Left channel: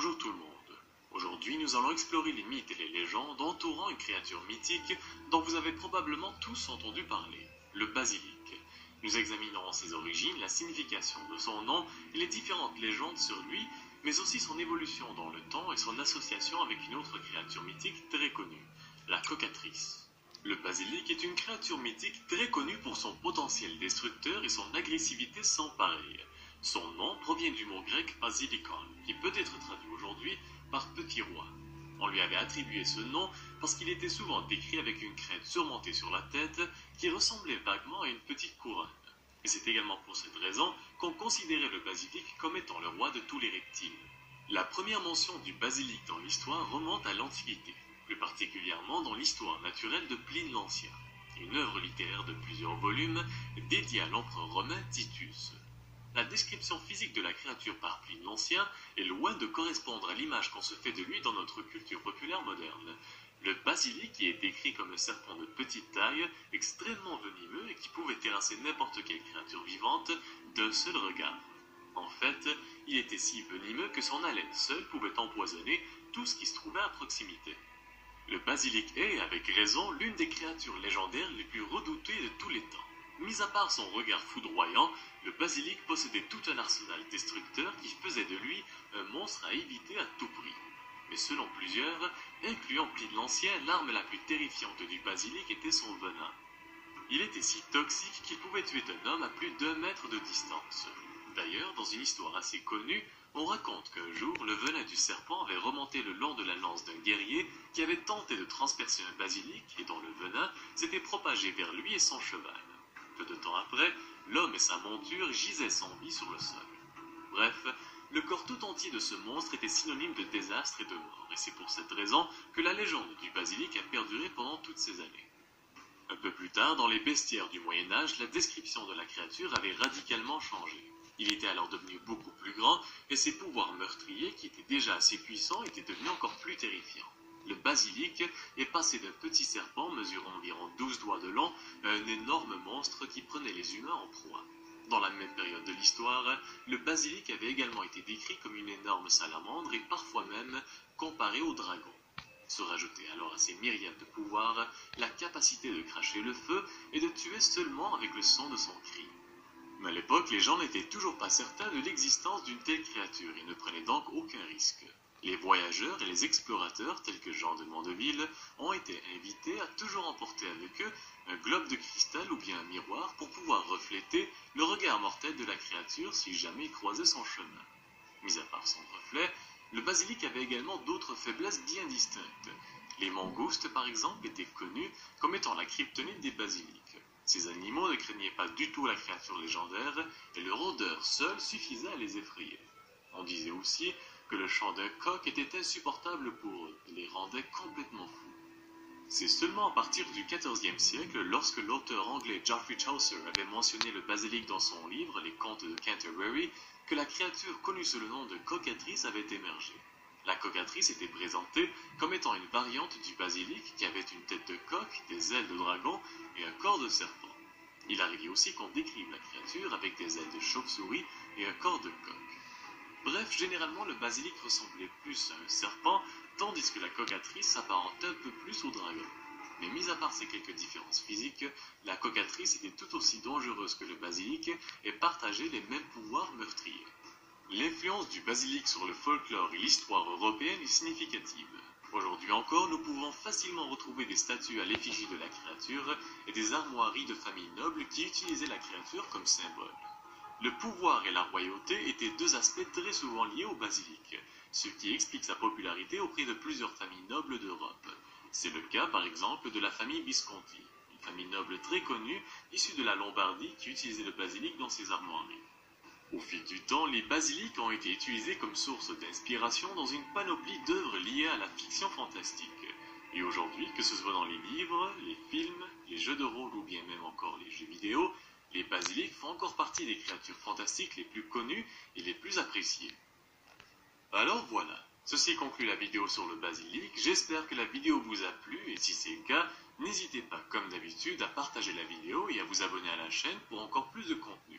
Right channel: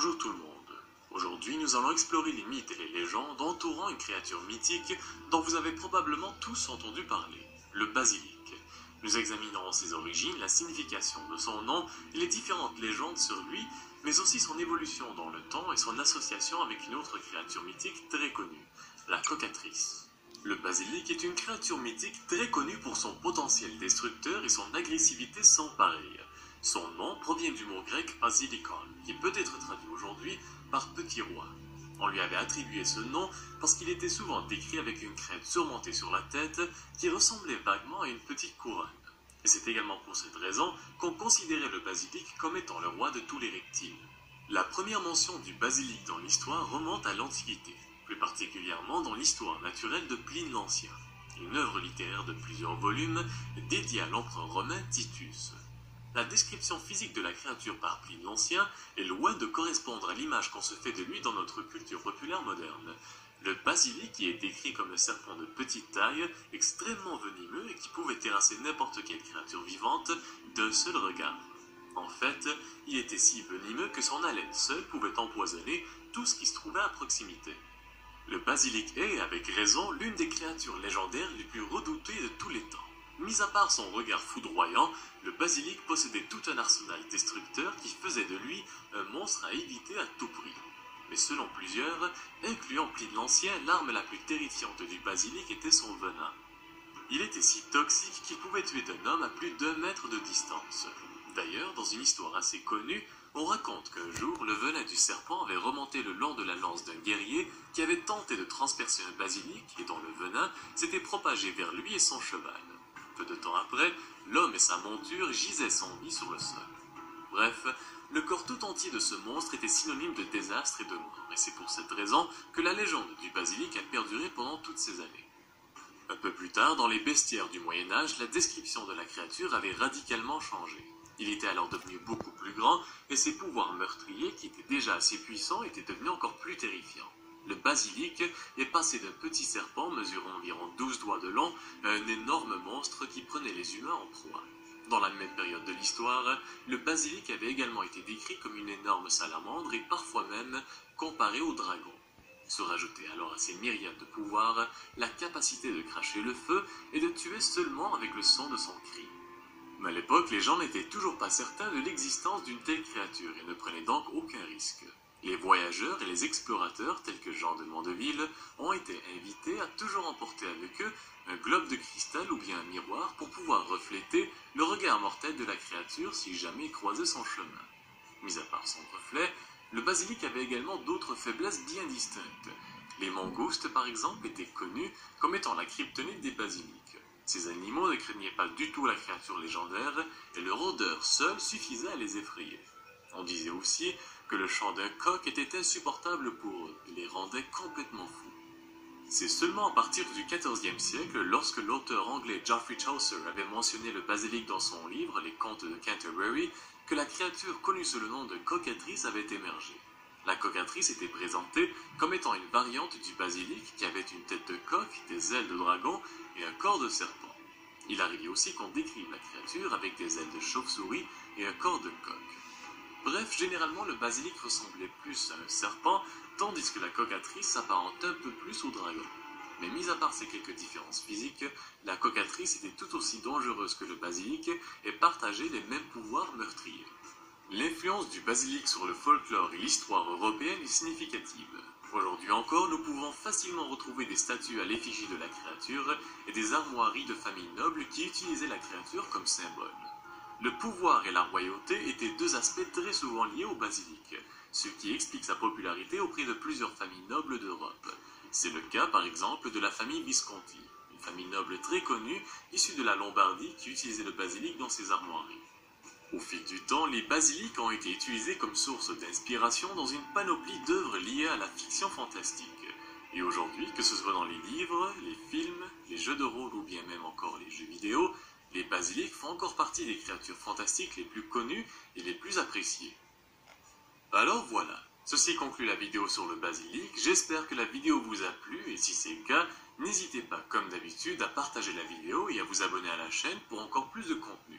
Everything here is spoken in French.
Bonjour tout le monde. Aujourd'hui, nous allons explorer les mythes et les légendes entourant une créature mythique dont vous avez probablement tous entendu parler, le basilic. Nous examinerons ses origines, la signification de son nom et les différentes légendes sur lui, mais aussi son évolution dans le temps et son association avec une autre créature mythique très connue, la cocatrice. Le basilic est une créature mythique très connue pour son potentiel destructeur et son agressivité sans pareil. Son nom provient du mot grec basilikon, qui peut être traduit aujourd'hui par petit roi. On lui avait attribué ce nom parce qu'il était souvent décrit avec une crête surmontée sur la tête qui ressemblait vaguement à une petite couronne. Et c'est également pour cette raison qu'on considérait le basilic comme étant le roi de tous les reptiles. La première mention du basilic dans l'histoire remonte à l'Antiquité, plus particulièrement dans l'histoire naturelle de Pline l'Ancien, une œuvre littéraire de plusieurs volumes dédiée à l'empereur romain Titus. La description physique de la créature par Pline l'Ancien est loin de correspondre à l'image qu'on se fait de lui dans notre culture populaire moderne. Le basilic y est décrit comme un serpent de petite taille, extrêmement venimeux et qui pouvait terrasser n'importe quelle créature vivante d'un seul regard. En fait, il était si venimeux que son haleine seule pouvait empoisonner tout ce qui se trouvait à proximité. Le basilic est, avec raison, l'une des créatures légendaires les plus redoutées de tous les temps. Mis à part son regard foudroyant, le basilic possédait tout un arsenal destructeur qui faisait de lui un monstre à éviter à tout prix. Mais selon plusieurs, incluant Pline l'Ancien, l'arme la plus terrifiante du basilic était son venin. Il était si toxique qu'il pouvait tuer un homme à plus d'1 mètre de distance. D'ailleurs, dans une histoire assez connue, on raconte qu'un jour, le venin du serpent avait remonté le long de la lance d'un guerrier qui avait tenté de transpercer un basilic et dont le venin s'était propagé vers lui et son cheval. Peu de temps après, l'homme et sa monture gisaient sans vie sur le sol. Bref, le corps tout entier de ce monstre était synonyme de désastre et de mort, et c'est pour cette raison que la légende du basilic a perduré pendant toutes ces années. Un peu plus tard, dans les bestiaires du Moyen-Âge, la description de la créature avait radicalement changé. Il était alors devenu beaucoup plus grand, et ses pouvoirs meurtriers, qui étaient déjà assez puissants, étaient devenus encore plus terrifiants. Le basilic est passé d'un petit serpent mesurant environ 12 doigts de long à un énorme monstre qui prenait les humains en proie. Dans la même période de l'histoire, le basilic avait également été décrit comme une énorme salamandre et parfois même comparé au dragon. Se rajoutait alors à ces myriades de pouvoirs la capacité de cracher le feu et de tuer seulement avec le son de son cri. Mais à l'époque, les gens n'étaient toujours pas certains de l'existence d'une telle créature et ne prenaient donc aucun risque. Les voyageurs et les explorateurs, tels que Jean de Mandeville, ont été invités à toujours emporter avec eux un globe de cristal ou bien un miroir pour pouvoir refléter le regard mortel de la créature si jamais il croisait son chemin. Mis à part son reflet, le basilic avait également d'autres faiblesses bien distinctes. Les mangoustes, par exemple, étaient connus comme étant la kryptonite des basilics. Ces animaux ne craignaient pas du tout la créature légendaire et leur odeur seule suffisait à les effrayer. On disait aussi que le chant d'un coq était insupportable pour eux et les rendait complètement fous. C'est seulement à partir du XIVe siècle, lorsque l'auteur anglais Geoffrey Chaucer avait mentionné le basilic dans son livre Les Contes de Canterbury, que la créature connue sous le nom de cocatrice avait émergé. La cocatrice était présentée comme étant une variante du basilic qui avait une tête de coq, des ailes de dragon et un corps de serpent. Il arrivait aussi qu'on décrive la créature avec des ailes de chauve-souris et un corps de coq. Bref, généralement le basilic ressemblait plus à un serpent, tandis que la cocatrice s'apparente un peu plus au dragon. Mais mis à part ces quelques différences physiques, la cocatrice était tout aussi dangereuse que le basilic et partageait les mêmes pouvoirs meurtriers. L'influence du basilic sur le folklore et l'histoire européenne est significative. Aujourd'hui encore, nous pouvons facilement retrouver des statues à l'effigie de la créature et des armoiries de familles nobles qui utilisaient la créature comme symbole. Le pouvoir et la royauté étaient deux aspects très souvent liés au basilic, ce qui explique sa popularité auprès de plusieurs familles nobles d'Europe. C'est le cas par exemple de la famille Visconti, une famille noble très connue issue de la Lombardie qui utilisait le basilic dans ses armoiries. Au fil du temps, les basilics ont été utilisés comme source d'inspiration dans une panoplie d'œuvres liées à la fiction fantastique. Et aujourd'hui, que ce soit dans les livres, les films, les jeux de rôle ou bien même encore les jeux vidéo, les basilics font encore partie des créatures fantastiques les plus connues et les plus appréciées. Alors voilà, ceci conclut la vidéo sur le basilic, j'espère que la vidéo vous a plu et si c'est le cas, n'hésitez pas comme d'habitude à partager la vidéo et à vous abonner à la chaîne pour encore plus de contenu.